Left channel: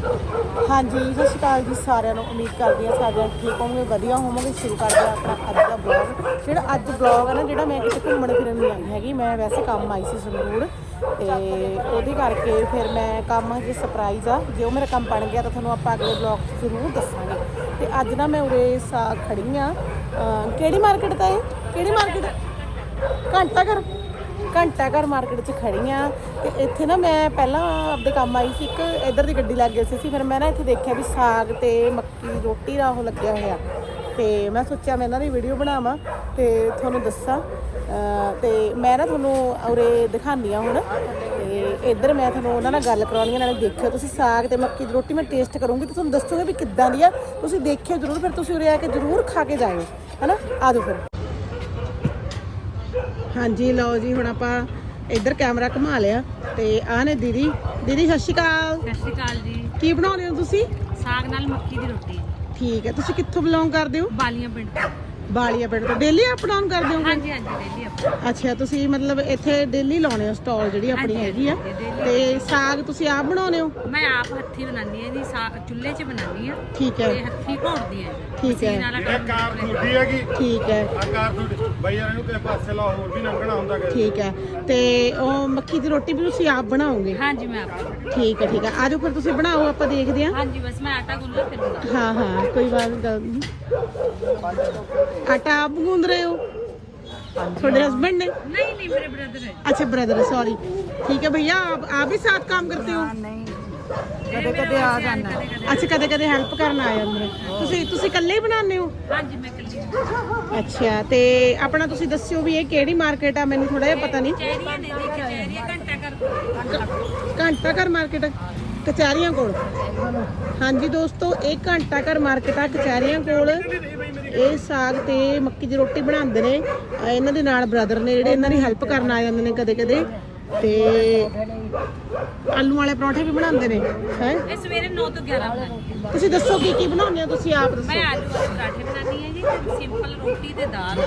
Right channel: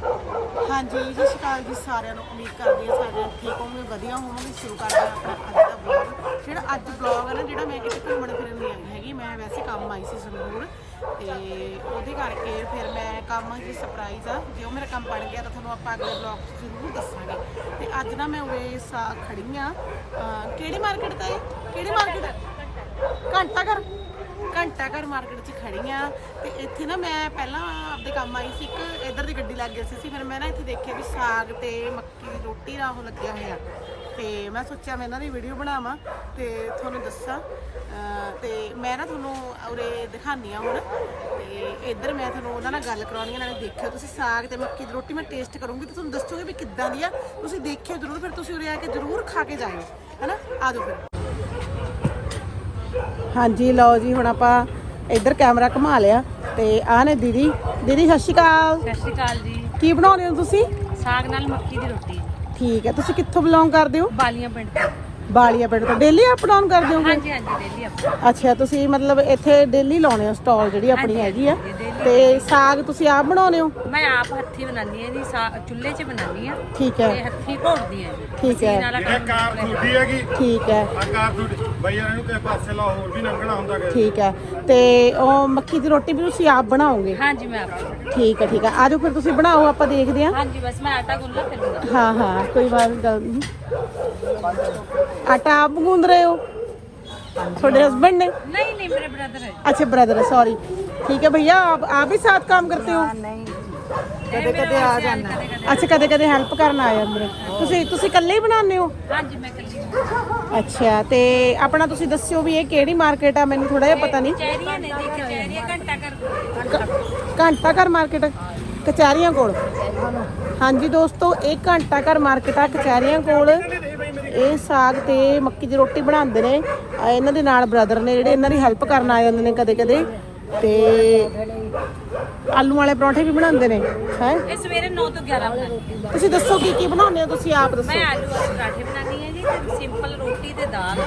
ਹਾਂਜੀ, ਸਤਿ ਸ਼੍ਰੀ ਅਕਾਲ ਜੀ ਸਾਰਿਆਂ ਨੂੰ। ਉਮੀਦ ਕਰਦੀ ਹਾਂ ਸਾਰਿਆਂ ਜਣੇ ਠੀਕ ਹੋਵੋਗੇ, ਵਧੀਆ ਹੋਵੋਗੇ। ਸ਼ੁਰੂ ਕਰਦੇ ਹਾਂ ਆਪਣਾ ਅੱਜ ਦਾ ਬਲੌਗ ਜਿਹੜਾ ਅੱਜ ਬਲੌਗ ਹੈ ਨਾ, ਜਿਹੜਾ ਮੈਂ ਕਿਤੇ ਘੁੰਮਣ ਫਿਰਨ ਨਹੀਂ ਆਈ ਹੈਗੀ, ਮੈਂ ਵੈਸੇ ਕੰਮ ਆਈ ਸੀ ਸੰਗਰੂਰ ਤੇ ਉਹਦੇ ਕਰਕੇ ਫਿਰ ਮੈਂ ਕੰਮ ਜੇ ਸਰਪ੍ਰਾਈਜ਼ ਆ। ਜੇ ਉਹ ਮੇਰਾ ਕੰਮ ਬਣ ਗਿਆ ਤਾਂ ਤੁਹਾਨੂੰ ਆਪਾਂ ਅਗਲੇ ਬਲੌਗ ਜ਼ਰੂਰ ਦੱਸਾਂਗੇ। ਤੇ ਅੱਜ ਨਾ ਮੈਂ ਉਰੇ ਸਾ, ਖੜੀ ਆ ਕਿਹੜੀ ਮਾਰਕੀਟ ਤਾਂ ਇਹ? ਕਿਹੜੀ ਮਾਰਕੀਟ ਘੰਟਾ ਘਰ। ਘੰਟਾ ਘਰ ਮਾਰਕੀਟ 'ਚ ਖੜੀ ਆ ਤੇ ਇੱਥੇ ਨਾ ਮੈਂ ਪਹਿਲਾਂ ਆਪਦੇ ਕੰਮ ਆਈ ਸੀ, ਇੱਕ ਇੱਧਰ ਦੀ ਗੱਡੀ ਲੱਗ ਗਈ ਸੀ, ਫਿਰ ਮੈਂ ਨਾ ਇੱਥੇ ਦੇਖਿਆ ਵੀ ਸਾਗ ਤੇ ਮੱਕੀ ਦੀ ਰੋਟੀ ਦਾ ਉਹ ਲੱਗਿਆ ਹੋਇਆ। ਤੇ ਮੈਂ ਸੋਚਿਆ ਮੈਂ ਇਹਨਾਂ ਦੀ ਵੀਡੀਓ ਬਣਾਵਾਂ ਤੇ ਤੁਹਾਨੂੰ ਦੱਸਾਂ। ਅਹ ਤੇ ਮੈਂ ਨਾ ਤੁਹਾਨੂੰ ਉਰੇ ਦਿਖਾਉਂਦੀ ਆ ਹੁਣ। ਤੇ ਇੱਧਰ ਮੈਂ ਤੁਹਾਨੂੰ ਉਹਨਾਂ ਨਾਲ ਗੱਲ ਕਰਾਉਣੀ ਆ, ਨਾਲੇ ਦੇਖਿਓ ਤੁਸੀਂ ਸਾਗ ਤੇ ਮੱਕੀ ਦੀ ਰੋਟੀ ਮੈਂ ਟੇਸਟ ਕਰੂੰਗੀ ਤੇ ਤੁਹਾਨੂੰ ਦੱਸੂਗੀ ਵੀ ਕਿੱਦਾਂ ਦੀ ਆ। ਤੁਸੀਂ ਦੇਖਿਓ ਜ਼ਰੂਰ, ਫਿਰ ਤੁਸੀਂ ਉਰੇ ਆ ਕੇ ਜ਼ਰੂਰ ਖਾ ਕੇ ਜਾਇਓ। ਹੈਨਾ? ਆ ਜਾਓ ਫਿਰ। ਹਾਂਜੀ ਲਓ ਜੀ ਹੁਣ ਆਪਾਂ ਇੱਧਰ ਕੈਮਰਾ ਘੁਮਾ ਲਿਆ ਤੇ ਆਹ ਨੇ ਦੀਦੀ। ਦੀਦੀ ਸਤਿ ਸ਼੍ਰੀ ਅਕਾਲ। ਸਤਿ ਸ਼੍ਰੀ ਅਕਾਲ ਜੀ। ਕੀ ਬਣਾਉਂਦੇ ਹੋ ਤੁਸੀਂ? ਸਾਗ ਨਾਲ ਮੱਕੀ ਦੀ ਰੋਟੀ। ਠੀਕ ਹੈ ਤੁਸੀਂ ਕਿੱਥੋਂ ਬਿਲੋਂਗ ਕਰਦੇ ਹੋ? ਬਾਲੀਆਂ ਪਿੰਡ ਤੋਂ। ਬਾਲੀਆ ਪਿੰਡ ਤੋਂ। ਡੇਲੀ ਅਪ ਡਾਊਨ ਕਰਦੇ ਹੋ ਹਾਂਜੀ ਹਾਂਜੀ ਡੇਲੀ ਆਪਣੀ ਅੱਛਾ ਤੁਸੀਂ ਮਤਲਬ ਇੱਥੇ ਡੇਲੀ ਲਾਉਣੇ ਹੋ ਸਟਾਲ ਜਿਹੜੀ ਆਪਣੀ ਹੈਗੀ ਆ। ਤੇ ਸਾਗ ਤੁਸੀਂ ਆਪ ਬਣਾਉਨੇ ਹੋ? ਮੈਂ ਆਪ ਹੱਥੀ ਬਣਾਉਂਦੀ ਹਾਂ ਜੀ ਚੁੱਲ੍ਹੇ 'ਚ ਬਣਾਉਂਦੀ ਹਾਂ। ਠੀਕ ਤੇ ਹੈ ਹੱਥੀ ਘੋੜਦੀ ਹਾਂ ਠੀਕ ਹੈ। ਕੰਮ। ਹੈਗੀ ਠੀਕ ਹੈ। ਤੇ ਪਾਸੇ ਲਾ ਹੋਰ ਵੀ ਲੰਘਣਾ ਹੁੰਦਾ ਕਿ ਠੀਕ ਹੈ। ਤੇ ਉਹ ਮੱਕੀ ਦੀ ਰੋਟੀ ਵੀ ਤੁਸੀਂ ਆਪ ਬਣਾਓਗੇ? ਹਾਂਜੀ ਮੈਂ ਆਪ ਠੀਕ ਹੈ ਠੀਕ ਹੈ। ਆਜੋ ਫਿਰ ਤੁਸੀਂ ਬਣਾਓ ਆਪਾਂ ਦੇਖਦੇ ਹਾਂ। ਹਾਂਜੀ ਬਸ ਮੈਂ ਆਟਾ ਗੁੰਨਲਾ ਫਿਰ ਹਾਂ ਹਾਂ ਕੋਈ ਬਾਤ ਗੱਲ ਨਹੀਂ। ਆਟਾ ਆਪ ਗੂੰਦ ਰਹੇ ਹੋ ਤੁਹਾਡੇ हस्बैंड ने नहीं नहीं मेरे ब्रदर है अच्छा ब्रदर है सॉरी ठीक है भैया आप आप भी साथ काम करते हो ਕਦੇ ਕਦੇ ਆ ਜਾਣਾ ਅੱਛਾ ਕਦੇ ਕਦੇ ਹੈਲਪ ਕਰਨ ਆ ਜਾਂਦੇ ਨੇ ਤੁਸੀਂ ਤੁਸੀਂ ਇਕੱਲੇ ਹੀ ਬਣਾਉਂਦੇ ਹੋ ਹਾਂਜੀ ਮੈਂ ਕੱਲੀ ਹਾਂ। ਅੱਛਾ ਤੇ ਆਪਣਾ ਤੁਸੀਂ ਦੱਸਿਓ ਵੀ ਇਹ ਕਿਹੜੀ ਮਾਰਕੀਟ ਆ ਮੈਨੂੰ ਥੋੜਾ ਜਿਹਾ ਪਤਾ ਨਹੀਂ ਕਚਹਿਰੀਆਂ ਨੇ ਜੀ ਕਚਹਿਰੀਆਂ ਘੰਟਾ ਕਰ ਘੰਟਾ ਘਰ ਮਾਰਕੀਟ ਕਚਹਿਰੀਆਂ ਕੋਲ ਹਾਂਜੀ ਦੋਸਤੋ ਇਹ ਘੰਟਾ ਘਰ ਮਾਰਕੀਟ ਆ ਕਚਹਿਰੀਆਂ ਕੋਲ ਇਹ ਸਾਗ ਤੇ ਮੱਕੀ ਦੀ ਰੋਟੀ ਬਣਾਉਂਦੇ ਨੇ। ਆ ਇਹਨਾਂ ਦੇ ਨਾਲ ਬ੍ਰਦਰ ਨੇ ਜਿਹੜੇ ਇਹਨਾਂ ਦੀ ਹੈਲਪ ਕਰਨ ਆ ਜਾਂਦੇ ਨੇ ਕਦੇ ਕਦੇ ਤੇ ਆਲੂ ਵਾਲੇ ਪਰੌਂਠੇ ਵੀ ਬਣਾਉਂਦੇ ਨੇ ਹੈ? ਇਹ ਸਵੇਰੇ 9 ਤੋਂ 11 ਬਣਾਉਂਦੀ ਹਾਂ ਤੁਸੀਂ ਦੱਸੋ ਕੀ ਕੀ ਬਣਾਉਂਦੇ ਹੋ ਤੁਸੀਂ ਆਪ ਦੱਸੋ? ਮੈਂ ਆਲੂ ਵਾਲੇ ਪਰਾਠੇ ਬਣਾਉਂਦੀ ਹਾਂ ਜੀ ਸਿੰਪਲ ਰੋਟੀ ਤੇ ਦਾਲ।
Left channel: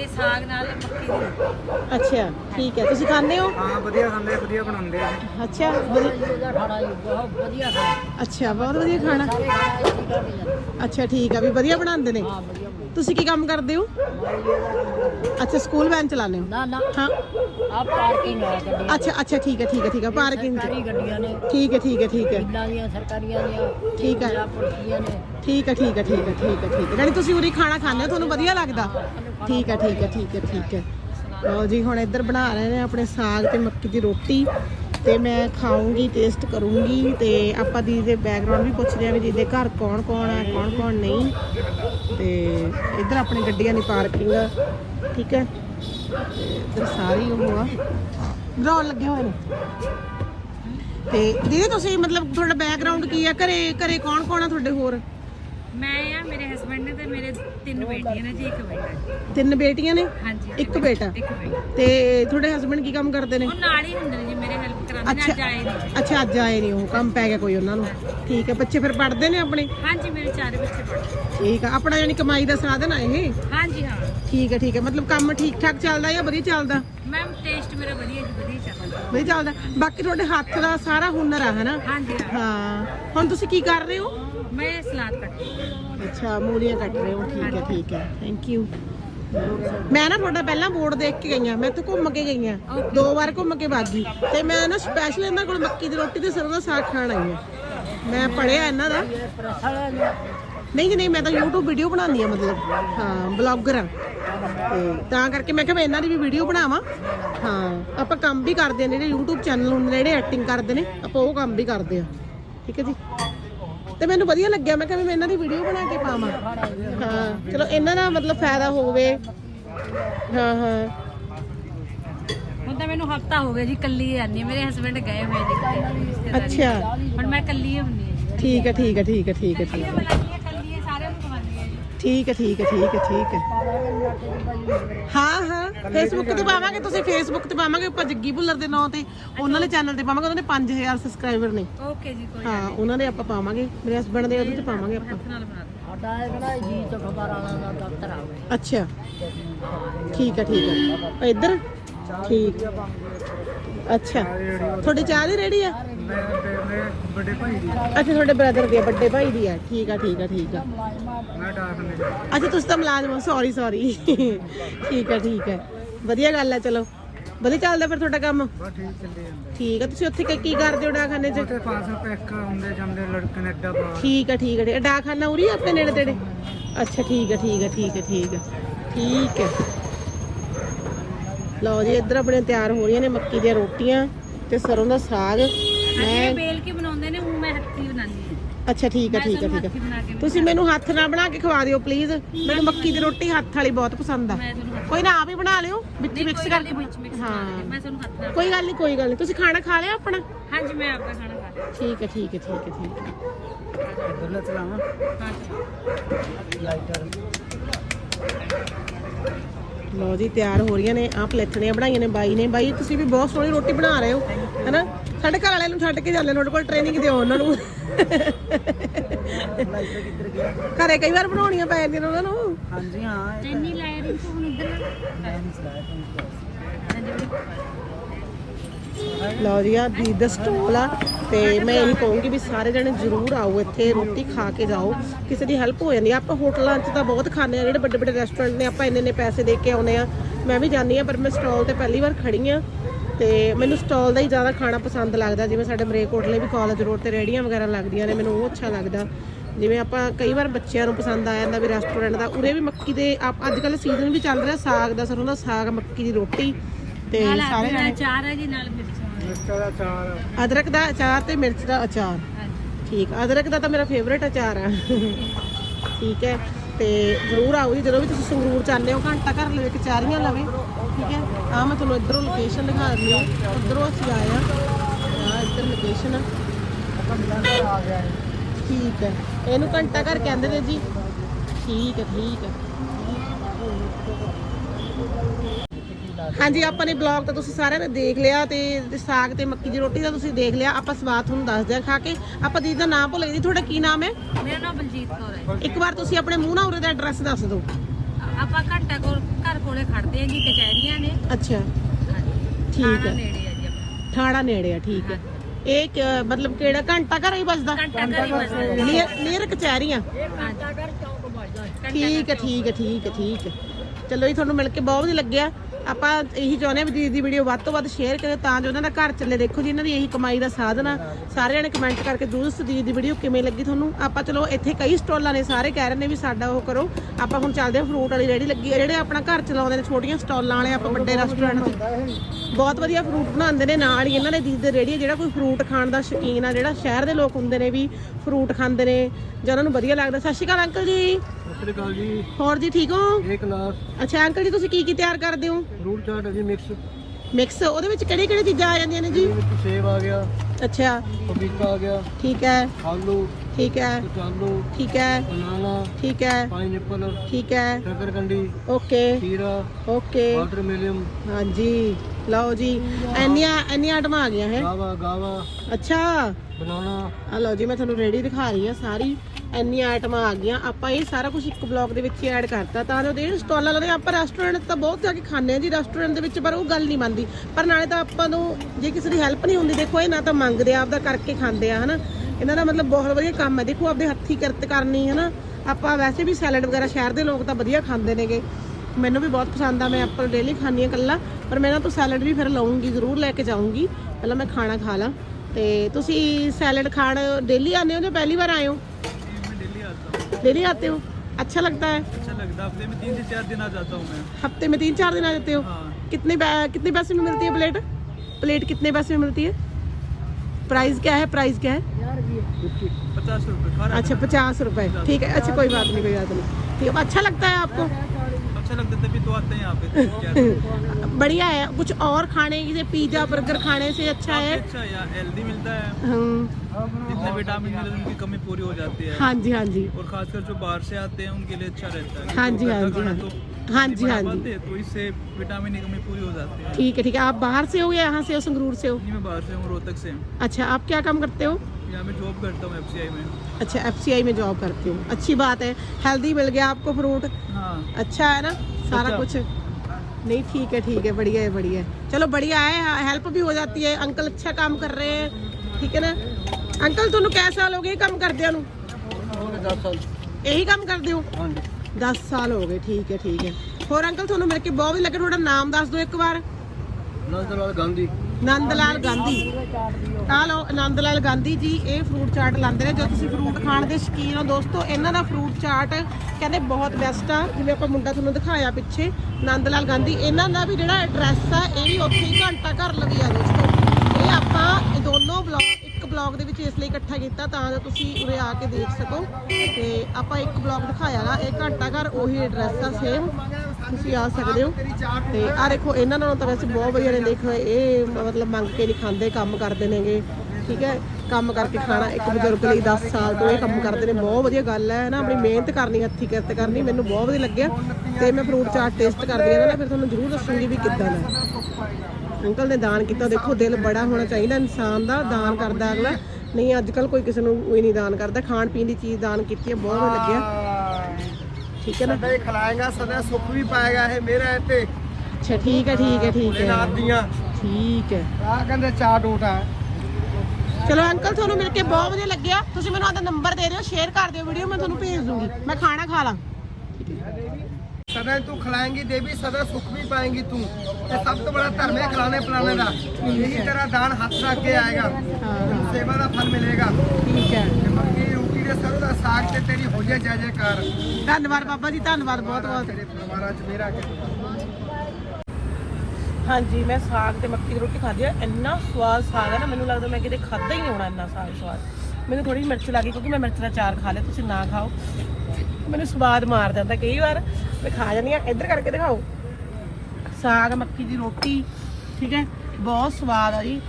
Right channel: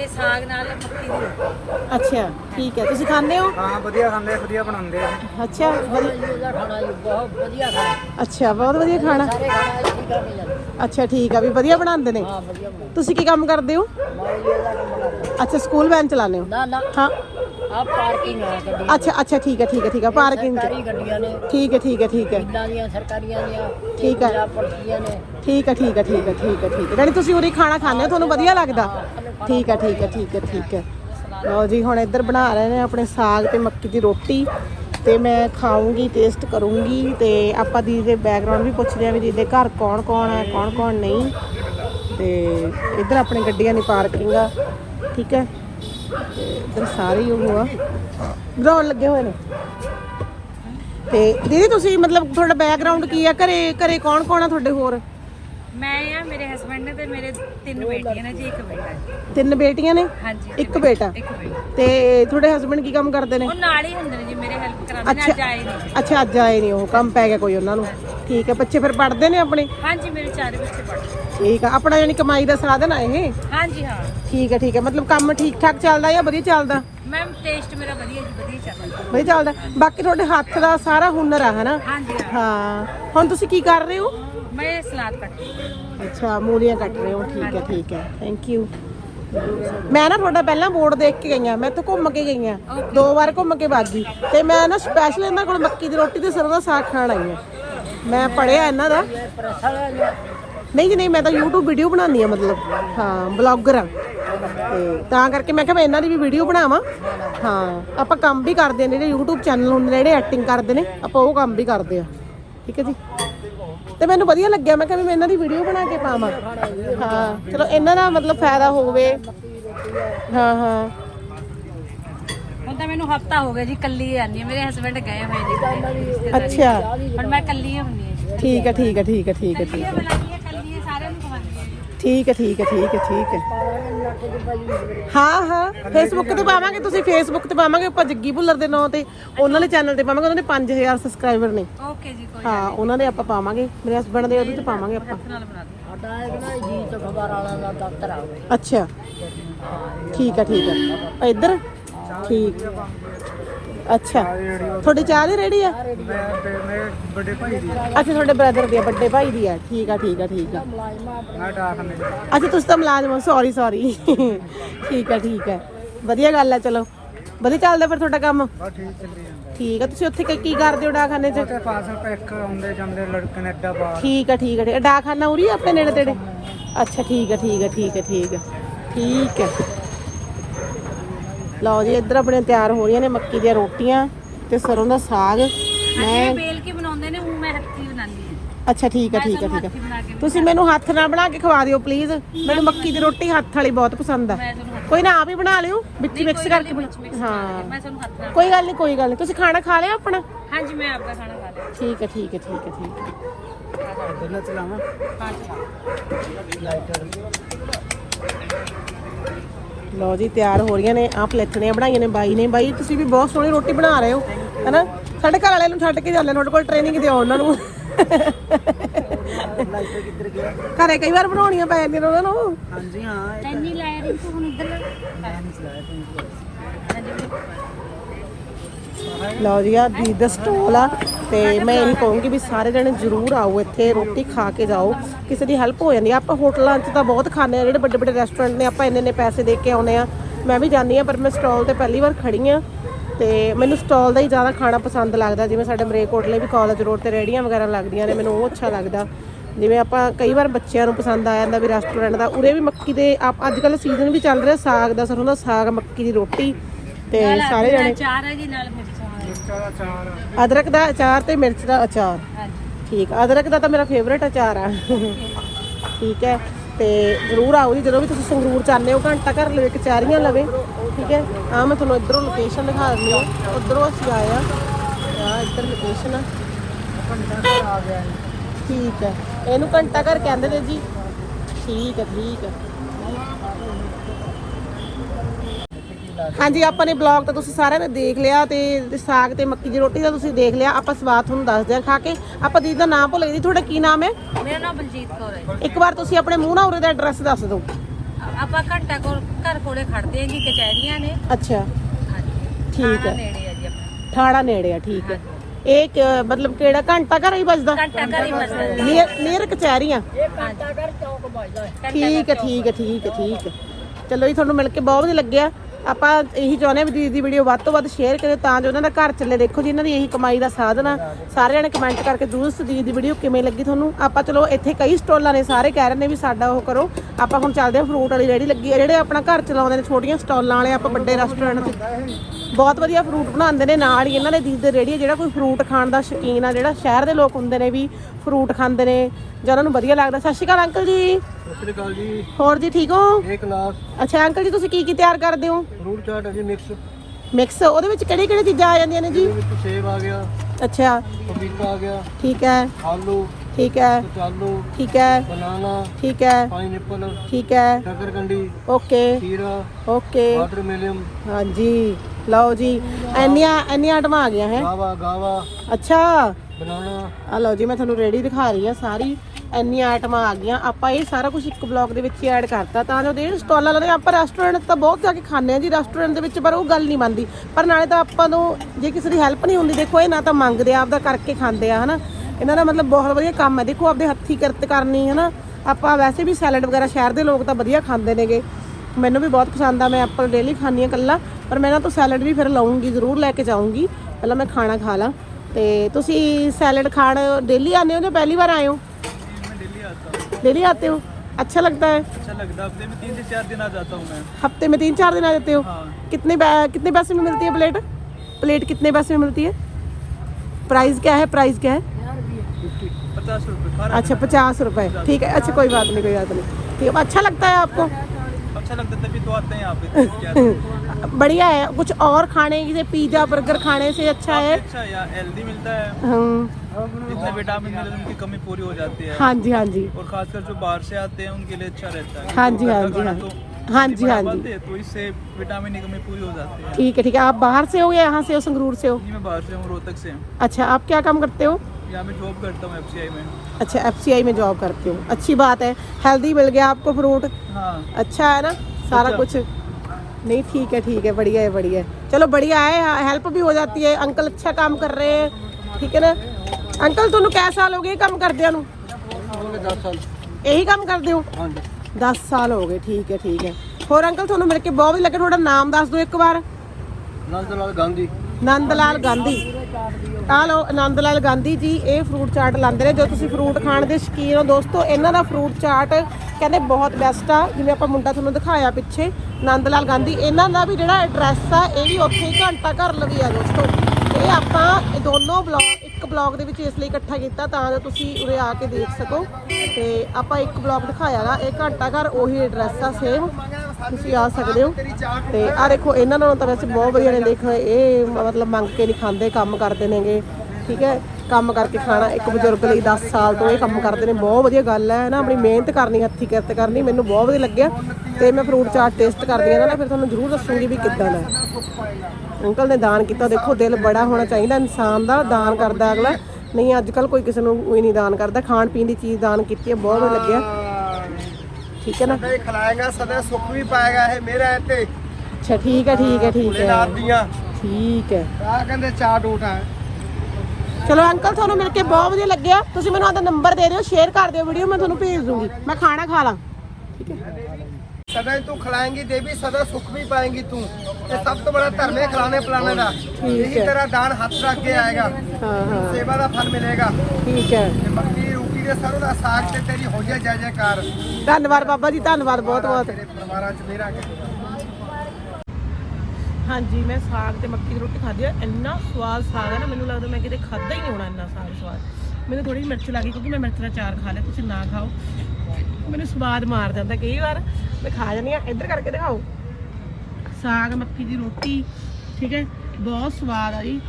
ਤੇ ਸਾਗ ਨਾਲ ਮੱਕੀ ਦੀ ਰੋਟੀ। ਅੱਛਾ ਠੀਕ ਹੈ। ਤੁਸੀਂ ਖਾਂਦੇ ਹੋ? ਹਾਂ ਵਧੀਆ ਖਾਂਦੇ ਵਧੀਆ ਬਣਾਉਂਦੇ ਆ। ਅੱਛਾ ਵਧੀਆ। ਖਾਣਾ ਜੀ ਬਹੁਤ ਵਧੀਆ ਖਾਣਾ। ਅੱਛਾ ਬਹੁਤ ਵਧੀਆ ਖਾਣਾ। ਸਾਰੇ ਖਾਣਾ ਠੀਕ ਆ ਅੱਛਾ ਠੀਕ ਆ ਵੀ ਵਧੀਆ ਬਣਾਉਂਦੇ ਨੇ। ਹਾਂ ਵਧੀਆ ਬਣਾ ਤੁਸੀਂ ਕੀ ਕੰਮ ਕਰਦੇ ਹੋ? ਕੰਮ ਕਰਦਾ। ਅੱਛਾ ਸਕੂਲ ਵੈਨ ਚਲਾਉਂਦੇ ਹੋ? ਨਾ ਨਾ। ਹਾਂ। ਆ ਪਾਰਕਿੰਗ ਹੈ ਗੱਡੀ ਅੱਛਾ ਅੱਛਾ ਠੀਕ ਹੈ ਠੀਕ ਹੈ ਠੀਕ ਹੈ ਪਾਰਕਿੰਗ ਸਰਕਾਰੀ ਗੱਡੀਆਂ ਨੇ ਠੀਕ ਹੈ ਠੀਕ ਹੈ ਠੀਕ ਹੈ ਪਿੰਡਾਂ ਦੀਆਂ ਸਰਕਾਰੀਆਂ ਦੀਆਂ ਤੇ ਠੀਕ ਹੈ। ਪੰਜਾਬ ਪੁਲਿਸ ਦੀਆਂ ਨੇ ਠੀਕ ਹੈ ਠੀਕ ਹੈ ਠੀਕ ਹੈ ਠੀਕ ਹੈ ਠੀਕ ਹੈ ਯਾਨੀ ਤੁਸੀਂ ਉਰੇ ਖਾਣਾ ਖਾਂਦੇ ਹੋ ਤੁਹਾਨੂੰ ਵਧੀਆ ਲੱਗਦਾ ਠੀਕ ਹੈ ਠੀਕ ਹੈ ਠੀਕ ਹੈ ਠੀਕ ਹੈ ਲਓ ਜੀ ਹੁਣ ਇੱਧਰ ਬਣਾ ਰਹੇ ਨੇ ਆਪਣੇ ਸਾਗ ਤੇ ਮੱਕੀ ਦੀ ਰੋਟੀ ਤੇ ਮੈਂ ਖਾਊਂਗੀ ਟੇਸਟ ਕਰੂੰਗੀ ਤੇ ਆਪਾਂ ਦੀਦੀ ਦੇ ਬੈਕਗ੍ਰਾਉਂਡ ਵੀ ਪੁੱਛ ਰਹੇ ਆ ਵੀ ਦੀਦੀ ਦੇ ਘਰ ਕੌਣ ਕੌਣ ਹੈ ਕੌਣ ਕੌਣ ਨਹੀਂ ਤੇ ਇੱਧਰ ਆਪਣੇ ਗੱਡੀਆਂ ਦੀ ਪਾਰਕਿੰਗ ਆ ਠੀਕ ਹੈ ਤੇ ਸਾਰੇ ਉਹ ਆ। ਗਰਾਉਂਡ ਲੱਗੇ ਹੋਏ ਨੇ। ਤੇ ਦੀਦੀ ਤੁਸੀਂ ਮਤਲਬ ਤੁਹਾਡਾ ਬੈਕਗ੍ਰਾਉਂਡ ਕੀ ਆ? ਘਰੇ ਘਰੇ ਕੌਣ ਕੌਣ ਆ ਤੁਹਾਡੇ ਹੋਰ? ਮੈਂ ਆ ਮੇਰੇ ਹਸਬੰਡ ਨੇ ਤੇ ਮੇਰੇ ਤਿੰਨ ਬੇਟੀਆਂ ਨੇ ਜੀ ਇੱਕ ਬੇਟਾ ਜੀ। ਤਿੰਨ ਬੇਟੀਆਂ ਨੇ? ਹਾਂਜੀ ਇੱਕ ਬੇਟਾ ਇੱਕ ਬੇਟਾ। ਤੇ ਤੁਹਾਡੇ ਹਸਬੰਡ ਕੀ ਕੰਮ ਕਰਦੇ ਨੇ? ਉਹ ਨਾਲ ਹੀ ਹੁੰਦੇ ਨੇ ਜੀ ਮੇਰੇ ਹੈਲਪ ਕਰਾਉਂਦੇ ਨੇ ਅੱਜ ਆਏ ਨੇ ਅੱਛਾ ਅੱਜ ਆਏ ਨਹੀਂ ਉਹ ਕੰਮ ਪੈ ਗਿਆ ਕੋਈ ਉਹਨਾਂ ਨੂੰ। ਠੀਕ ਹੈ ਬੱਚੇ ਫਿਰ ਪੜ੍ਹਦੇ ਨੇ ਆਪਣੇ? ਹਾਂਜੀ ਮੇਰੇ ਚਾਰੇ ਬੱਚੇ ਪੜ੍ਹਦੇ ਠੀਕ ਆ ਆਪਣਾ ਯਾਨੀ ਕਮਾਈ ਦਾ ਸਾਧਨ ਆ ਇਹ? ਹਾਂਜੀ ਹਾਂ। ਠੀਕ ਹੈ ਠੀਕ ਹੈ ਮਤਲਬ ਕੰਮ ਠੀਕ ਠਾਕ ਚੱਲਦਾ ਜਾਂ ਵਧੀਆ ਚੱਲਦਾ? ਮੈਮ ਟੇਸਟ ਮੇਰਾ ਵਧੀਆ ਜੀ ਵਧੀਆ ਚੱਲਦਾ। ਵਧੀਆ ਚੱਲਦਾ। ਬਾਕੀ ਤੁਹਾਡੇ ਹੱਥ ਦਾ ਸਾਰਾ ਹੁਨਰ ਆ ਹਨਾ? ਹਾਂਜੀ ਹਾਂ। ਹਾਂ। ਹੁਣ ਤੁਸੀਂ ਕੀ ਕਰ ਰਹੇ ਹੋ? ਮੈਂ ਸਲਾਦ ਕੱਟੀ ਅੱਛਾ ਮੂਲੀਆਂ ਕੱਟ ਰਹੇ ਹੋ ਠੀਕ ਹੈ ਠੀਕ ਹੈ ਥੈਂਕ ਯੂ ਮੈਂ ਨਾ ਤੁਹਾਡਾ ਪਹਿਲਾਂ ਬੋਰਡ ਦੇਖ ਕੇ ਗਈ ਆ ਮੈਂ ਤਾਂ ਘੁੰਮ ਕੇ ਗਈ ਆ ਦੋ ਵਾਰ ਘੁੰਮ ਕੇ ਬਾਗੀ ਤੇ ਮੈਂ ਨਾ ਸਪੈਸ਼ਲ ਇਹਨਾਂ ਕੋਲ ਮੱਕੀ ਦੀ ਰੋਟੀ ਤੇ ਸਰੋਂ ਦਾ ਸਾਗ ਖਾਣ ਆਈ ਆ ਮੈਂ ਪੜਿਆ ਇਹਨਾਂ ਦਾ। ਨਹੀਂ ਜੀ ਨਹੀਂ ਮੈਂ ਤਾਂ YouTube ਵੀਡੀਓ ਬਣਾਉਂਦੀ ਆ ਮਤਲਬ। ਹਾਂ ਬਲੌਗਰ ਆ। ਤੇ ਤਾਂ ਕਰਕੇ ਮੈਂ ਕਿਹਾ ਮੈਂ ਇਹਨਾਂ ਦੀ ਵੀ ਵੀਡੀਓ ਬਣਾਵਾਂ। ਹਾਂ ਆਪਾਂ ਕੰਮ ਵੀ ਕਰਦੇ ਨੇ ਜਿਹੜੇ YouTube ਚੈਨਲ ਹੁੰਦੇ ਨੇ ਜਿਹੜੇ ਐਕਟਿੰਗ ਕਰਦੇ ਨੇ ਆਪਾਂ ਉਹ ਕੰਮ ਵੀ ਕਰਦੇ ਆ। ਠੀਕ ਹੈ ਜੀ? ਤੇ ਮੈਨੂੰ ਵਧੀਆ ਲੱਗਿਆ ਮੈਂ ਕਿਹਾ ਵੀ ਮੈਂ ਇਹਨਾਂ ਦੀ ਵੀਡੀਓ ਬਣਾ ਕੇ ਪਾਵਾਂ। ਹਾਂ ਚਲੋ ਇਹਨਾਂ ਦਾ ਮਤਲਬ ਫਾਇਦਾ ਹੋਵੇ। ਹਾਂ ਹਾਂ। ਹੁਣ ਤਾਂ ਮੈਨੂੰ ਹਫਤਾ ਹੋ ਗਿਆ ਜੀ ਕੱਲੀ ਆਨੀ ਮੇਰੇ ਹਸਬੰਡ ਗਏ ਹੋਏ ਜੀ ਅੱਛਾ। ਹੁਣ ਮੈਂ ਕੱਲੀ ਹੀ ਹੁੰਨੀ ਹਾਂ ਠੀਕ ਹੈ ਠੀਕ ਹੈ ਠੀਕ ਹੈ ਠੀਕ ਹੈ ਹੀ। ਠੀਕ ਹੈ ਠੀਕ ਹੈ ਠੀਕ ਹੈ ਠੀਕ ਹੈ। ਹਾਂ ਹਾਂ ਫੇਸਬੁੱਕ ਤੇ ਪਾਵਾਂਗੇ ਤੁਸੀਂ ਫੇਸਬੁੱਕ ਤੇ ਪਾਵਾਂਗੇ ਆਪਾਂ ਜੱਗੀ ਭੁੱਲਰ ਦੇ ਨਾਂ ਤੇ ਉਹਨਾਂ ਦੇ ਚੈਨਲ ਤੇ ਪਾਵਾਂਗੇ ਉਹਨਾਂ ਦੇ 5000 ਸਬਸਕ੍ਰਾਈਬਰ ਨੇ। ਓਕੇ ਜੀ ਕੋਈ ਹਾਂ ਉਹਨਾਂ ਦੇ ਆਪਾਂ ਪਾਵਾਂਗੇ ਮੇਰੇ ਹਸਬੰਡ ਦੇ ਉਹਦੇ ਚ ਪਾਵਾਂਗੇ ਆਪਾਂ। ਹੱਥ ਨਾਲ ਬਣਾ ਦੋ ਸਾਡਾ ਇਹਦਾ ਜੀ ਤੋਂ ਖਬਰ ਵਾਲਾ ਦਾ ਦਫ਼ਤਰ ਆ ਗਏ ਅੱਛਾ। ਠੀਕ ਹੈ ਠੀਕ ਹੈ। ਇੱਧਰ? ਠੀਕ। ਅੱਛਾ। ਤੁਹਾਡੀ ਚਾਹ ਦੀ ਰੇੜੀ ਆ? ਮੈਂ ਤੇ ਮੇਰੇ ਵੱਡੇ ਭਾਈ ਦੀ ਅੱਛਾ ਤੁਹਾਡੇ ਬ੍ਰਦਰ ਦੀ ਆ ਵੱਡੇ ਭਾਈ ਦੀ ਆ। ਠੀਕ ਆ ਠੀਕ ਆ ਠੀਕ ਆ। ਮੈਂ ਅੱਛਾ ਤੁਸੀਂ ਤਾਂ ਮੁਲਾਜ਼ਮ ਸੌਰੀ ਸੌਰੀ ਠੀਕ ਆ ਠੀਕ ਆ। ਵਧੀਆ ਗੱਲ ਆ ਚਲੋ। ਵਧੀਆ ਚੱਲਦਾ ਫਿਰ ਤੁਹਾਡਾ ਕੰਮ? ਬਸ ਠੀਕ ਚੱਲੀ ਜਾਂਦਾ। ਠੀਕ ਆ ਤੁਸੀਂ ਉੱਥੇ ਕੀ- ਕੀ ਕਰਦੇ ਹੋ ਡਾਕਖਾਨੇ 'ਚ? ਉੱਥੇ ਪਾਸਲ ਪੈਕ ਹੁੰਦੇ ਜਾਂਦੇ ਲੜਕੇ ਕੈਨੇਡਾ ਬਾਹਰ। ਠੀਕ ਆ ਠੀਕ ਆ ਠੀਕ ਆ। ਡਾਕਖਾਨਾ ਉਰੀ ਆ ਆਪਣੇ ਨੇੜੇ ਤੇੜੇ? ਅੱਛਾ ਠੀਕ ਆ ਠੀਕ ਆ ਠੀਕ ਆ ਠੀਕ ਆ। ਠੀਕ ਹੈ ਲਓ ਜੀ ਇੱਧਰ ਆਪਣੇ ਤਿਆਰ ਹੋ ਰਹੀਆਂ ਨੇ ਮੱਕੀ ਦੀਆਂ ਰੋਟੀਆਂ ਤੇ ਸਰੋਂ ਦਾ ਸਾਗ। ਮੈਂ ਬੇਲ ਕੇ ਬਣਾਉਂਦੇ ਨੇ ਹੁਣ ਮੈਂ ਹੱਥੀ ਬਣਾਉਂਦੀ ਹਾਂ। ਅੱਛਾ ਠੀਕ ਆ ਠੀਕ ਆ ਠੀਕ ਕੇ ਤੁਸੀਂ ਮੈਨੂੰ ਹੱਥ ਨਾਲ ਬਣਾ ਕੇ ਖਵਾ ਦਿਓ ਪਲੀਜ਼ ਮੈਨੂੰ ਮੱਕੀ ਦੀ ਰੋਟੀ ਹੱਥ ਵਾਲੀ ਬਹੁਤ ਪਸੰਦ ਆ। ਕੋਈ ਨਾ ਆਪ ਹੀ ਬਣਾ ਲਿਓ ਵਿੱਚ ਮਿਕਸ ਕੋਈ ਗੱਲ ਕਰਕੇ ਹਾਂ। ਮੈਂ ਤੁਹਾਨੂੰ ਹੱਥ ਨਾਲ ਕੋਈ ਗੱਲ ਨਹੀਂ ਕੋਈ ਗੱਲ ਨਹੀਂ। ਤੁਸੀਂ ਖਾਣਾ ਖਾ ਲਿਆ ਆਪਣਾ? ਹਾਂਜੀ ਮੈਂ ਆਪਦਾ ਖਾਣਾ ਖਾ ਲਿਆ। ਠੀਕ ਹੈ ਠੀਕ ਹੈ ਠੀਕ ਹੈ ਠੀਕ ਹੈ ਗੱਲਾਂ ਚਲਾਵਾਂ। ਹਾਂ ਚਲਾਓ। ਲਾਈਟਰ ਲਓ ਜੀ ਤਿਆਰ ਹੋ ਰਹੀਆਂ ਨੇ ਆਹ ਪਲੇਟਣੀਆਂ ਬਣਾਈਆਂ ਨੇ ਬਾਈ ਨੇ। ਬਾਈ ਤੁਸੀਂ ਵੀ ਬਹੁਤ ਸੋਹਣੀ ਰੋਟੀ ਬਣਾ ਰਹੇ ਹੋ ਹੈਨਾ? ਸਾਡੇ ਘਰ ਵਾਲਿਆਂ ਨੂੰ ਛੱਡ ਕੇ ਜਾਂਦੇ ਤੁਹਾਡੇ ਕੋਲ ਟ੍ਰੇਨਿੰਗ ਦਿਓ ਉਹਨਾਂ ਨੂੰ। ਲਾਈਟਰ ਕਿੱਧਰ ਗਿਆ ਘਰੇ ਕਈ ਵਾਰ ਬਣਾਉਣੀਆਂ ਪੈ ਜਾਂਦੀਆਂ ਨੇ ਉਹਨਾਂ ਨੂੰ। ਹਾਂਜੀ ਹਾਂ ਤਾਂ ਇੰਨੀ ਲਾਇਆ ਰਿੰਕ ਹੁਣ ਇੱਧਰ ਲਾ ਨਹੀਂ ਚਲਾਇਆ ਤੂੰ ਹਾਂਜੀ ਵੀਰੇ। ਲਓ ਜੀ ਆ ਦੀ ਦਾ ਸਟੋਲ ਆ। ਤੇ ਮੈਂ ਇਹ ਕਹੂੰਗੀ ਵੀ ਸਾਰੇ ਜਣੇ ਜ਼ਰੂਰ ਆਓ ਇੱਥੇ ਰੋਟੀ ਖਾ ਕੇ ਜਾਓ। ਕਿਸੇ ਦੀ ਹੈਲਪ ਹੋ ਜਾਂਦੀ ਆ। ਆਪਾਂ ਹੋਟਲਾਂ 'ਚ ਤਾਂ ਬਹੁਤ ਖਾਂਦੇ ਆ ਜਿਹੜੇ ਵੱਡੇ ਵੱਡੇ ਰੈਸਟੋਰੈਂਟ ਨੇ ਆਪਾਂ ਇੰਨੇ ਇੰਨੇ ਪੈਸੇ ਦੇ ਕੇ ਆਉਨੇ ਆ। ਮੈਂ ਵੀ ਜਾਂਦੀ ਆ ਪਰ ਮੈਂ ਸਟਾਲ ਤੇ ਪਹਿਲੀ ਵਾਰ ਖੜੀ ਆ। ਤੇ ਮੈਨੂੰ ਸਟਾਲ ਦਾ ਹੀ ਜ਼ਿਆਦਾ ਖਾਣਾ ਪਸੰਦ ਲੱਗਦਾ ਜਿਵੇਂ ਸਾਡੇ ਮਰੇਕੋਟਲੇ ਵੀ ਕਾਲਜ ਰੋਡ ਤੇ ਰੇੜੀਆਂ ਵਗੈਰਾ ਲੱਗਦੀਆਂ ਨੇ ਮੈਨੂੰ ਉਹ ਅੱਛਾ ਲੱਗਦਾ। ਜਿਵੇਂ ਆਪਾਂ ਕਈ ਵਾਰ ਬੱਚਿਆਂ ਨੂੰ ਪਸੰਦ ਆ ਜਾਂਦਾ ਵੀ ਰੈਸਟੋਰੈਂਟ ਦਾ ਉਰੇ ਵੀ ਮੱਕੀ ਦੇ ਆਪ- ਅੱਜ ਕੱਲ ਸੀਜ਼ਨ ਵੀ ਚੱਲ ਰਿਹਾ ਸਾਗ ਦਾ ਸਰੋਂ ਦਾ ਸਾਗ ਮੱਕੀ ਦੀ ਰੋਟੀ। ਤੇ ਸਾਰੇ ਜਣੇ ਚਾਰ ਹੈ ਜੀ ਨਾਲ ਮਿਰਚਾਂ ਅਦਰਕ ਦਾ ਅਚਾਰ ਤੇ ਮਿਰਚ ਦਾ ਅਚਾਰ। ਠੀਕ। ਅਦਰਕ ਦਾ ਤਾਂ ਮੇਰਾ ਫੇਵਰੇਟ ਅਚਾਰ ਆ। ਠੀਕ ਹੈ ਤੇ ਜ਼ਰੂਰ ਆਓ ਜੀ ਜਦੋਂ ਵੀ ਤੁਸੀਂ ਸੰਗਰੂਰ ਚ ਆਉਂਦੇ ਹੋ ਘੰਟਾ ਘਰ ਲਵੇ ਕਚਾਰੀਆਂ ਲਵੇ। ਠੀਕ ਹੈ ਆ ਮੈਂ ਤੁਹਾਨੂੰ ਇਧਰੋਂ ਲੋਕੇਸ਼ਨ ਦਿਖਾ ਦਿੰਦੀ ਹਾਂ। ਉਧਰੋਂ ਅਸੀਂ ਆਏ ਆ ਆ ਇੱਧਰ ਲੋਕੇਸ਼ਨ ਆ। ਆ ਗਿਆ। ਠੀਕ ਹੈ ਇਹਨੂੰ ਘੰਟਾ ਘਰ ਕਹਿੰਦੇ ਨੇ ਜੀ। ਠੀਕ ਹੈ ਠੀਕ ਹੈ ਇੱਥੇ ਕੀ ਲਾ ਹਾਂਜੀ ਆਪਾਂ ਨੇ ਬਲੌਗ ਤਾਂ ਤੁਸੀਂ ਸਾਰਿਆਂ ਨੇ ਦੇਖ ਲਿਆ ਤੇ ਸਾਗ ਤੇ ਮੱਕੀ ਦੀ ਰੋਟੀ ਦਾ ਤੁਸੀਂ ਦੇਖ ਲਿਆ। ਆਪਾਂ ਸਵਾਦ ਤੁਹਾਨੂੰ ਦੱਸਦੇ ਹਾਂ ਖਾ ਕੇ। ਆਪਾਂ ਦੀਦੀ ਦਾ ਨਾਮ ਭੁੱਲ ਜੀ ਤੁਹਾਡਾ ਕੀ ਨਾਮ ਹੈ? ਮੇਰਾ ਨਾਮ ਬਲਜੀਤ ਕੌਰ ਹੈ। ਇੱਕ ਵਾਰ ਤੁਸੀਂ ਆਪਣੇ ਮੂੰਹ ਨਾਲ ਉਰੇ ਦਾ ਐਡਰੈਸ ਦੱਸ ਦਿਓ। ਆਪਾਂ ਘੰਟਾ ਕੋਲ ਘਰ ਕੋਲੇ ਖੜਦੇ ਆ ਜੀ ਕਚਹਿਰੀਆਂ ਨੇ। ਅੱਛਾ। ਠੀਕ ਹੈ। ਨੇੜੇ ਆ ਜੀ ਆਪਣਾ। ਨੇੜੇ ਆ ਠੀਕ ਹੈ। ਇਹ ਕ- ਮਤਲਬ ਕਿਹੜਾ ਘੰਟਾ ਘਰ ਹੀ ਵੱਜਦਾ? ਘੰਟਾ ਘਰ ਹੀ ਜੀ। ਨੀਅਰ ਨੀਅਰ ਕਚਹਿਰੀਆਂ? ਘੰਟਾ ਘਰ ਚੌਕ ਵੱਜਦਾ। ਠੀਕ ਹੈ ਠੀਕ ਹੈ ਠੀਕ ਹੈ ਠੀਕ ਹੈ। ਚਲੋ ਜੀ ਤੁਹਾਨੂੰ ਮਿਲ ਕੇ ਬਹੁਤ ਵਧੀਆ ਲੱਗਿਆ। ਆਪਾਂ ਇਹੀ ਚਾਹੁੰਦੇ ਹਾਂ ਵੀ ਦੀਦੀ ਦੀ ਵੀਡੀਓ ਵੱਧ ਤੋਂ ਵੱਧ ਸ਼ੇਅਰ ਕਰਿਓ ਤਾਂ ਜੋ ਉਹਨਾਂ ਦਾ ਘਰ ਚੱਲੇ। ਦੇਖੋ ਜੀ, ਇਹਨਾਂ ਦੀ ਇਹੀ ਕਮਾਈ ਦਾ ਸਾਧਨ ਆ। ਸਾਰੇ ਜਣੇ ਕਮੈਂਟ ਕਰਕੇ ਜ਼ਰੂਰ ਦੱਸੋ ਦੀਦੀ ਦੀ ਵੀਡੀਓ ਕਿਵੇਂ ਲੱਗੀ ਤੁਹਾਨੂੰ। ਆਪਾਂ ਚਲੋ ਇੱਥੇ ਕਈ ਸਟਾਲਾਂ ਨੇ, ਸਾਰੇ ਕਹਿ ਰਹੇ ਨੇ ਵੀ ਸਾਡਾ ਉਹ ਕਰੋ। ਆਪਾਂ ਹੁਣ ਚੱਲਦੇ ਹਾਂ ਫਰੂਟ ਵਾਲੀ ਰੇਹੜੀ ਲੱਗੀ ਆ। ਜਿਹੜੇ ਆਪਣਾ ਘਰ ਚਲਾਉਂਦੇ ਨੇ, ਛੋਟੀਆਂ ਸਟਾਲਾਂ ਵਾਲੇ, ਆਪਾਂ ਵੱਡੇ ਰੈਸਟੋਰੈਂਟ ਤੇ। ਬਹੁਤ ਵਧੀਆ ਫਰੂਟ ਬਣਾਉਂਦੇ ਨੇ ਨਾਲ ਹੀ ਇਹਨਾਂ ਦੇ ਦੀਦ ਦੇ ਰੇੜੀ ਜਿਹੜਾ ਕੋਈ ਫਰੂਟ ਖਾਣ ਦਾ ਸ਼ੌਕੀਨ ਆ ਜਿਹੜਾ ਸ਼ਹਿਰ ਦੇ ਲੋਕ ਹੁੰਦੇ ਨੇ ਵੀ ਫਰੂਟ ਖਾਂਦੇ ਨੇ ਜਾਂ ਉਹਨਾਂ ਨੂੰ ਵਧੀਆ ਲੱਗਦਾ। ਸਤਿ ਸ਼੍ਰੀ ਅਕਾਲ ਅੰਕਲ ਜੀ। ਸਤਿ ਸ੍ਰੀ ਅਕਾਲ ਜੀ। ਹੋਰ ਜੀ ਠੀਕ ਹੋ? ਇੱਕ ਗਲਾਸ ਅੱਛਾ ਅੰਕਲ ਜੀ ਤੁਸੀਂ ਕੀ ਕੀ ਤਿਆਰ ਕਰਦੇ ਹੋ? ਫਰੂਟ ਚਾਟ ਹੈ ਜੀ ਮਿਕਸ ਮਿਕਸ ਉਹਦੇ ਵਿੱਚ ਕਿਹੜੀ ਕਿਹੜੀ ਚੀਜ਼ਾਂ ਆ ਜਾਂਦੀਆਂ ਨੇ ਜੀ? ਇਹਦੇ ਵਿੱਚ ਸੇਬ ਆ ਗਿਆ ਅੱਛਾ। ਪਪੀਤਾ ਆ ਗਿਆ ਠੀਕ ਹੈ। ਆਲੂ ਠੀਕ ਹੈ। ਕਚਾਲੂ ਠੀਕ ਹੈ। ਬਨਾਨਾ ਠੀਕ ਹੈ। ਪਾਈਨਐਪਲ ਠੀਕ ਹੈ। ਸ਼ਕਰਕੰਡੀ ਓਕੇ। ਖੀਰਾ ਓਕੇ। ਵਾਟਰਮੈਲਨ ਹਾਂਜੀ। ਲਓ ਜੀ ਇੰਨੀਆਂ ਇੰਨੀਆਂ ਆਈਟਮਾਂ ਆ ਗਈਆਂ ਹੈ। ਗਾਵਾ ਗਾਵਾ। ਅੱਛਾ। ਬਨਾਨਾ ਆ ਲਓ ਜੀ ਮੈਂ ਤੁਹਾਨੂੰ ਰੇੜੀ ਦਿਖਾ ਰਹੀ ਆ ਸਾਰੀ ਇੰਨੀਆਂ ਆਈਟਮਾਂ ਆ ਗਈਆਂ। ਆਪਾਂ ਇਹ ਸਾਰਾ ਕੁਝ ਇੱਕ ਬਲੌਗ ਦੇ ਵਿੱਚ ਐਡ ਕਰਤਾ ਤਾਂ ਜੋ ਦੇਣ ਸਟਾਲਾਂ ਲਾਉਂਦੇ ਆਪਾਂ ਰੈਸਟੋਰੈਂਟ ਤਾਂ ਬਹੁਤ ਜਾ ਕੇ ਖਾਂਦੇ ਆ ਜੀ ਰੈਸਟੋਰੈਂਟ ਦੇ ਵਿੱਚ ਪਰ ਉਹ ਗੱਲ ਨਹੀਂ ਬਣਦੀ। ਪਰ ਨਾਲੇ ਤਾਂ ਆਪਾਂ ਨੂੰ ਜੇ ਕਿਸੇ ਦੀ ਹੈਲਪ ਨਹੀਂ ਹੁੰਦੀ ਦੇਖੋ ਇਹ ਨਾ ਤਾਂ ਮੰਗਦੇ ਆ ਆਪਦਾ ਕਰਕੇ ਖਾਂਦੇ ਆ ਹਨਾ। ਇਹਨਾਂ ਦਾ ਮਤਲਬ ਬਹੁਤ ਵਧੀਆ ਕੰਮ ਹੈ। ਦੇਖੋ ਆਪਦੇ ਹੱਥੀ ਕਿਰਤ ਕਰਨੀ ਹਨਾ। ਆਪਾਂ ਵੈਸੇ ਵੀ ਸੈਲਡ ਵਗੈਰਾ ਸ਼ਹਿਰ ਦੇ ਲੋਕ ਤਾਂ ਵਧੀਆ ਖਾਂਦੇ ਨੇਗੇ। ਮੈਨੂੰ ਵੀ ਬਹੁਤ ਪਸੰਦ ਆ ਮੈਂ ਐਪਲ ਡੇਲੀ ਖਾਂਦੀ ਆ ਕੱਲਾ ਪਰ ਮੈਂ ਨਾ ਤੋਂ ਸੈਲਡ ਵੀ ਫਿਰ ਲਾਉਂਗੀ ਜ਼ਰੂਰ ਲੈ ਕੇ ਜਾਊਂਗੀ ਪਹਿਲਾਂ ਮੈਂ ਖਾਣਾ ਖਾ ਲਾਂ ਤੇ ਤੁਸੀਂ ਸੈਲਡ ਖਾਣ डेली आने हो या पहली बार आए हो मैं दिल्ली आता हूँ डेली आते हो अच्छा लगता है अच्छा लगता है हफ्ते में तीन से चार दिन आ जाता हूँ मैं हफ्ते में तीन चार दिन आ जाते हो हाँ कितने पै- कितने पैसे में मिलती है प्लेट प्लेट कितने पैसे में मिलती है प्राइस क्या है प्राइस क्या है पचास रुपये खा रहा अच्छा पचास रुपए ठीक है अच्छा कोई बात नहीं कोई बात नहीं ठीक है अच्छा लगता है आपको अच्छा लगता है तभी तो आते हैं यहाँ पे बढ़िया है कुछ और खाने जैसे पिज्जा बर्गर खाने से अच्छा है। अच्छा यहाँ हेल्दी मिलता है। हम्म, जितने विटामिन मिले उनकी कमी पूरी हो जाती है। हाँ जी हाँ जी। और खासकर जो बाहर से आते हैं उनके लिए अच्छा रहता है। हाँ जी, हाँ जी, हाँ तो जी। हाँ जी, हाँ जी। तो इससे विटामिन की कमी पूरी हो जाती है। ठीक है ठीक है। आप बाहर से हो या यहाँ से हो संगरूर से हो? मैं बाहर से हूँ रोहतक से अच्छा आप क्या काम करते हो? यहाँ मैं जॉब करता हूँ एफ में अच्छा एफ में जॉब करते हो अच्छी बात है हेल्दी मिल गया आपको फ्रूट हाँ अच्छा है ना सारा अच्छा। कुछ नहीं ठीक है ठीक है बढ़िया है बढ़िया है चलो बढ़िया है हेल्प भी हो जाती है अंकल अच्छा काम कर रहे हैं ठीक है ना अंकल ਤੁਹਾਨੂੰ ਕਿੰਨੇ ਸਾਲ ਹੋ ਗਏ ਇਹ ਕੰਮ ਕਰਦਿਆਂ ਨੂੰ ਹੋਣਗੇ 10 ਸਾਲ ਇਹੀ ਕੰਮ ਕਰਦੇ ਹੋ ਹਾਂਜੀ 10 ਸਾਲ ਹੋ ਗਏ ਠੀਕ ਹੈ ਠੀਕ ਹੈ ਹੋਰ ਅੰਕਲ ਤੁਹਾਨੂੰ ਮਿਲ ਕੇ ਬਹੁਤ ਵਧੀਆ ਲੱਗਾ ਤੁਹਾਡਾ ਨਾਮ ਦੱਸ ਦਿਓ ਇੱਕ ਵਾਰ ਨੰਦ ਗਾਂਧੀ। ਨੰਦ ਲਾਲ ਗਾਂਧੀ। ਆ ਲਓ ਆਨੰਦ ਲਾਲ ਗਾਂਧੀ ਜੀ, ਇਹ ਫਰੂਟ ਚਾਟ ਲਾਉਂਦੇ ਨੇ। ਜੋ ਤੁਸੀਂ ਫਰੂਟ ਖਾਣ ਦੇ ਸ਼ੌਕੀਨ ਹੋ ਦੋਸਤੋ, ਇਹਨਾਂ ਦਾ ਫਰੂਟ ਚਾਟ ਕਹਿੰਦੇ ਬਹੁਤ ਬੈਸਟ ਆ। ਜਿਵੇਂ ਆਪਾਂ ਮੁੰਡਾ ਤੁਹਾਨੂੰ ਦਿਖਾਇਆ ਪਿੱਛੇ ਆਨੰਦ ਲਾਲ ਗਾਂਧੀ। ਇਹਨਾਂ ਦਾ ਵੀ ਜਿਹੜਾ ਐਡਰੈਸ ਆ, ਇਹ ਵੀ ਉੱਥੇ ਹੀ ਘੰਟਾ ਘਰ ਲਵੀ ਆ ਦੋਸਤੋ। ਇਹ ਆਪਾਂ ਇਹ ਦੋਨੋਂ ਬਲੌਗ ਇੱਕ ਬਲੌਗ ਦੇ ਵਿੱਚ ਇਸ ਲਈ ਇਕੱਠਾ ਕੀਤਾ ਤਾਂ ਜੋ ਤੁਸੀਂ ਉਰੇ ਆ ਕੇ ਦੇਖ ਸਕੋ। ਤੇ ਆਪਾਂ ਇੱਕ ਬਲੌਗ ਦਿਖਾਇਆਗਾ ਇਹ ਘੰਟਾ ਘਰ ਉਹੀ ਐਡਰੈਸ ਆ ਸੇਮ ਤੁਸੀਂ ਆ ਸਕਦੇ ਹੋ। ਤੇ ਆ ਦੇਖੋ, ਇਹਨਾਂ ਨਾਲੋਂ ਤਾਂ ਵੈਸੇ ਬਹੁਤ ਵਧੀਆ ਨੇ। ਦੇਖ, ਇਹ ਮਤਲਬ ਮੰਗ ਕੇ ਨਹੀਂ ਖਾਂਦੇ, ਕੰਮ ਕਰਦੇ ਨੇਗੇ, ਠੀਕ ਹੈ? ਕੰਮ ਕਰਕੇ ਖਾਣਾ ਇੱਕ ਬਜ਼ੁਰਗ ਲਈ 10 ਸਾਲ ਤੋਂ ਇਹ ਕੰਮ ਕਰਦੇ ਨੇ। ਬਹੁਤ ਵਧੀਆ ਗੱਲ ਹੈ, ਨਾ, ਆਪਣੀ ਮਿਹਨਤ ਕਰਨੀ, ਹੱਥੀ ਕਿਰਤ ਕਰਨੀ, ਮੈਨੂੰ ਬਹੁਤ ਵਧੀਆ ਲੱਗਿਆ। ਤੇ ਮੈਂ ਫਰੂਟ ਚਾਟ ਟੇਸਟ ਕਰਦੀ ਹਾਂ ਨਾ, ਫਿਰ ਤੁਹਾਨੂੰ ਜ਼ਰੂਰ ਦੱਸੂਗੀ ਵੀ ਕਿੱਦਾਂ ਦਾ ਅੰਕਲ ਨੇ ਦਾਨ ਕੀਤਾ, ਦੇਖੋ, ਦਿਲ ਬੜਾ ਹੋਣਾ ਚਾਹੀਦਾ, ਇਨਸਾਨ ਦਾ ਦਾਨ ਕਰਦਾ ਅਗਲਾ। ਨਹੀਂ, ਅੱਜ ਕੱਲ ਕੋਈ ਕਿਸੇ ਨੂੰ ਕੋਈ ਨਹੀਂ ਦਾਨ ਕਰਦਾ। ਖਾਣ ਪੀਣ ਦੀ ਚੀਜ਼ ਦਾਨ ਕੀਤੀ ਹੈ, ਬਹੁਤ ਵਧੀਆ ਲੱਗਿਆ। ਠੀਕ ਹੈ ਨਾ? ਸਦਾ ਖਿਲਾਏਗਾ ਸਦਾ ਸੁੱਖ ਵੀ ਪਾਏਗਾ ਇਹ ਮੇਰਾ ਤੇ। ਅੱਛਾ ਠੀਕ ਹੈ ਠੀਕ ਹੈ ਠੀਕ ਹੈ। ਦੀਆਂ। ਠੀਕ ਹੈ। ਆ ਕਹਿੰਦੇ ਚਾਰ ਟੋਟਾ ਚਲੋ ਅੰਕਲ ਤੁਹਾਨੂੰ ਮਿਲ ਕੇ ਬਹੁਤ ਵਧੀਆ ਲੱਗਿਆ। ਤੁਸੀਂ ਮੈਨੂੰ ਆਪਦਾ ਨੰਬਰ ਦੇ ਦਿਓ ਸ਼ੇਅਰ ਕਰ ਦਿਓ ਵੀਡੀਓ ਮੈਂ ਤੁਹਾਨੂੰ ਭੇਜ ਦੂੰਗੀ। ਮੈਂ ਖਾਣਾ ਖਾ ਲਾਂ। ਸਦਾ ਤੂੰ ਖਿਲਾਏਂਗੀ ਦੇਵੀ ਸਦਾ ਸੁੱਖ ਵੀ ਪਾਏਂਗੀ ਤੂੰ। ਇਹ ਸਭ ਤੋਂ ਬੜਾ ਧਰਮ ਹੈ ਖਿਲਾਣੇ ਪਿਲਾਣੇ ਦਾ। ਇਹੀ ਹੈ। ਤੇਰਾ ਦਾਨ ਹੱਥ ਰੱਖ ਕੇ ਆਏਗਾ। ਹਾਂ ਹਾਂ। ਸੇਵਾ ਦਾ ਫਲ ਮਿਲੇਗਾ। ਠੀਕ ਹੈ। ਤੇ ਮੱਕੀ ਰੋਟੀ ਦੇ ਸਰੋਂ ਦਾ ਸਾਗ ਤੇ ਤੇਰੀ ਹੋ ਜਾਏ ਜੈ ਜੈਕਾਰ। ਧੰਨਵਾਦ ਬਾਬਾ ਜੀ ਧੰਨਵਾਦ ਬਹੁਤ ਬਹੁਤ। ਤੇਰੇ ਪਰਿਵਾਰਾਂ ਚ ਮੇਰਾ ਹਾਂਜੀ ਮੈਂ ਸਾਗ ਤੇ ਮੱਕੀ ਦੀ ਰੋਟੀ ਖਾਧੀ ਆ। ਇੰਨਾ ਸਵਾਦ ਸਾਗ ਹੈ ਨਾ ਮੈਨੂੰ ਲੱਗਦਾ ਮੈਂ ਕਿਤੇ ਖਾਦਾ ਹੀ ਨਹੀਂ ਹੋਣਾ ਇੰਨਾ ਸਾਗ ਸਵਾਦ। ਮੈਨੂੰ ਥੋੜੀ ਮਿਰਚ ਲੱਗੀ ਕਿਉਂਕਿ ਮੈਂ ਮਿਰਚ ਦਾ ਚਾਰ ਖਾ ਲਿਆ ਤੁਸੀਂ ਨਾ ਖਾਓ। ਮੈਨੂੰ ਸਵਾਦ ਮਾਰ ਜਾਂਦਾ ਕਈ ਵਾਰ। ਮੈਂ ਖਾ ਜਾਂਦੀ ਆ। ਇੱਧਰ ਕਰਕੇ ਦਿਖਾਓ। ਸਾਗ, ਮੱਕੀ ਦੀ ਰੋਟੀ, ਠੀਕ ਹੈ? ਬਹੁਤ ਸਵਾਦ ਆ ਜੀ।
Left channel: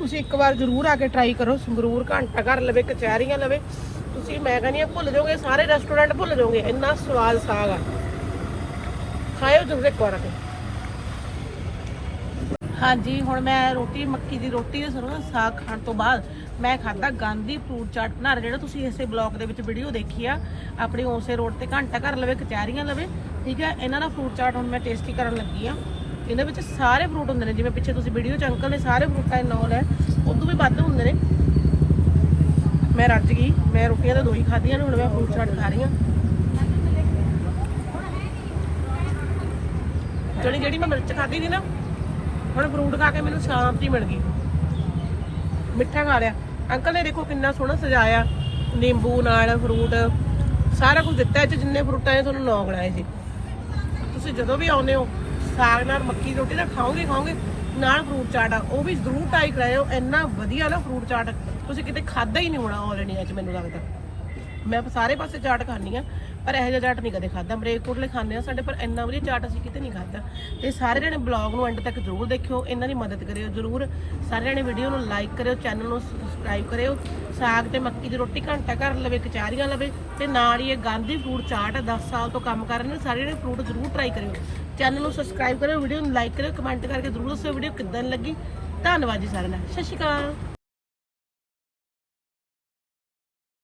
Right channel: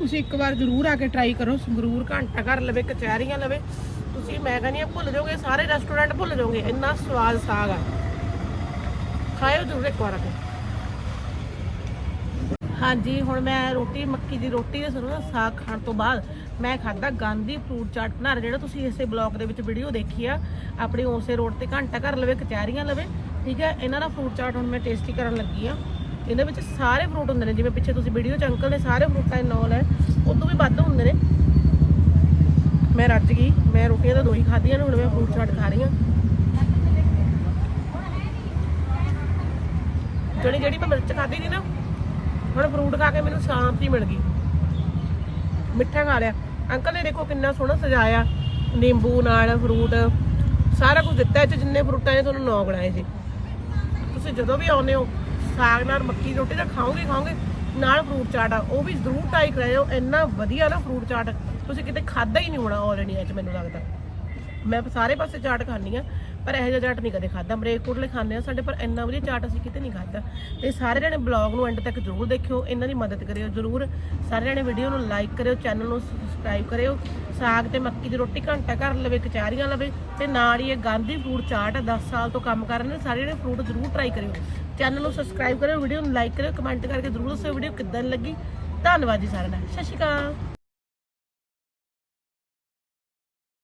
ਤੁਸੀਂ ਇੱਕ ਵਾਰ ਜ਼ਰੂਰ ਆ ਕੇ ਟਰਾਈ ਕਰੋ। ਸੰਗਰੂਰ ਘੰਟਾ ਘਰ ਲਵੇ, ਕਚਹਿਰੀਆਂ ਲਵੇ। ਤੁਸੀਂ, ਮੈਂ ਕਹਿੰਦੀ ਆ ਭੁੱਲ ਜਾਓਗੇ, ਸਾਰੇ ਰੈਸਟੋਰੈਂਟ ਭੁੱਲ ਜਾਓਗੇ। ਇੰਨਾ ਸਵਾਦ ਸਾਗ ਆ। ਖਾਇਓ ਜ਼ਰੂਰ ਇੱਕ ਵਾਰ ਆ ਕੇ। ਹਾਂਜੀ, ਹੁਣ ਮੈਂ ਰੋਟੀ, ਮੱਕੀ ਦੀ ਰੋਟੀ ਤੇ ਸਰੋਂ ਸਾਗ ਖਾਣ ਤੋਂ ਬਾਅਦ ਮੈਂ ਖਾਦਾ ਗਾਂਧੀ ਫਰੂਟ ਚਾਟ ਬਣਾ ਜਿਹੜਾ ਤੁਸੀਂ ਇਸੇ ਬਲੌਗ ਦੇ ਵਿੱਚ ਵੀਡੀਓ ਦੇਖੀ ਆ, ਆਪਣੀ ਉਸੇ ਰੋਡ ਤੇ ਘੰਟਾ ਘਰ ਲਵੇ, ਕਚਹਿਰੀਆਂ ਲਵੇ ਠੀਕ ਹੈ, ਇਹਨਾਂ ਦਾ ਫਰੂਟ ਚਾਟ ਹੁਣ ਮੈਂ ਟੇਸਟੀ ਕਰਨ ਲੱਗੀ ਆ ਇਹਦੇ ਵਿੱਚ ਸਾਰੇ ਫਰੂਟ ਹੁੰਦੇ ਨੇ, ਜਿਵੇਂ ਪਿੱਛੇ ਤੁਸੀਂ ਵੀਡੀਓ ਚ ਅੰਕਲ ਨੇ ਸਾਰੇ ਫਰੂਟਾਂ ਦੇ ਨਾਂ ਲੈ ਉਦੋਂ ਵੀ ਵੱਧ ਹੁੰਦੇ ਨੇ। ਮੈਂ ਰੱਜ ਗਈ, ਮੈਂ ਰੋਟੀਆਂ ਤਾਂ ਦੋ ਹੀ ਖਾਧੀਆਂ ਨੇ, ਹੁਣ ਮੈਂ ਫਰੂਟ ਚਾਟ ਖਾ ਰਹੀ ਹਾਂ। ਜਿਹੜੀ ਜਿਹੜੀ ਮੈਂ ਮਿਰਚ ਖਾਧੀ ਸੀ ਨਾ, ਹੁਣ ਫਰੂਟ ਖਾ ਕੇ ਮੈਨੂੰ ਸ਼ਾਂਤੀ ਮਿਲ ਗਈ। ਮਿੱਠਾ ਖਾ ਲਿਆ। ਅੰਕਲ ਨੇ ਦੇਖੋ ਕਿੰਨਾ ਸੋਹਣਾ ਸਜਾਇਆ, ਨਿੰਬੂ ਨਾਲ ਫਰੂਟ ਸਾਰਾ ਕੁਝ ਦਿੱਤਾ, ਇਹ 'ਚ ਜਿੰਨੇ ਫਰੂਟਾਂ ਨੇ, ਤੁਹਾਨੂੰ ਨੌ ਗਣਾਏ ਸੀ। ਤੁਸੀਂ ਜਦੋਂ ਵੀ ਆਉਂਦੇ ਹੋ, ਸਾਗ ਨਾਲ ਮੱਕੀ ਦੀ ਰੋਟੀ ਤਾਂ ਖਾਓਗੇ ਖਾਓਗੇ, ਨਾਲ ਫਰੂਟ ਚਾਟ ਆ, ਉਹ ਵੀ ਜ਼ਰੂਰ ਟਰਾਈ ਕਰਾਇਓ, ਇੰਨਾ ਵਧੀਆ ਨਾ ਫਰੂਟ ਚਾਟ ਤੁਸੀਂ ਕਿਤੇ ਖਾਦਾ ਹੀ ਨਹੀਂ ਹੋਣਾ ਆਲ ਇੰਡੀਆ 'ਚ ਮੈਨੂੰ ਲੱਗਦਾ। ਮੈਂ ਸਾਰੇ ਪਾਸੇ ਚਾਟ ਖਾਂਦੀ ਆ ਪਰ ਇਹੋ ਜਿਹਾ ਚਾਟ ਨਹੀਂ ਕਦੇ ਖਾਦਾ ਮਰੇਕੋਟਲੇ ਖਾਂਦੇ ਆ ਸਾਡੇ, ਪਰ ਇੰਨਾ ਵਧੀਆ ਚਾਟ ਅਸੀਂ ਕਿਤੇ ਨਹੀਂ ਖਾਦਾ ਤੇ ਸਾਰੇ ਜਣੇ ਬਲੌਗ ਨੂੰ ਐਂਡ ਤੱਕ ਜ਼ਰੂਰ ਦੇਖਿਓ, ਇਹਨਾਂ ਦੀ ਮਦਦ ਕਰਿਓ ਜ਼ਰੂਰ। ਸਾਰੇ ਜਣੇ ਵੀਡੀਓ ਨੂੰ ਲਾਈਕ ਕਰਿਓ ਚੈਨਲ ਨੂੰ ਸਬਸਕ੍ਰਾਈਬ ਕਰਿਓ। ਸਾਗ ਤੇ ਮੱਕੀ ਦੀ ਰੋਟੀ ਘੰਟਾ ਘਰ ਲਵੇ ਕਚਾਰੀਆਂ ਲਵੇ, ਤੇ ਨਾਲ ਹੀ ਇਹ ਗਾਂਧੀ ਫੂਡ ਚਾਟ ਆ 10 ਸਾਲ ਤੋਂ ਕੰਮ ਕਰ ਰਹੇ ਨੇ, ਸਾਰੇ ਜਣੇ ਫਰੂਟ ਜ਼ਰੂਰ ਟਰਾਈ ਕਰਿਓ। ਚੈਨਲ ਨੂੰ ਸਬਸਕ੍ਰਾਈਬ ਕਰਿਓ ਵੀਡੀਓ ਨੂੰ ਲਾਈਕ ਕਰਿਓ ਕਮੈਂਟ ਕਰਕੇ ਜ਼ਰੂਰ ਦੱਸਿਓ ਵੀਡੀਓ ਕਿੱਦਾਂ ਦੀ ਲੱਗੀ। ਧੰਨਵਾਦ ਜੀ ਸਾਰਿਆਂ ਦਾ। ਸਤਿ ਸ਼੍ਰੀ ਅਕਾਲ।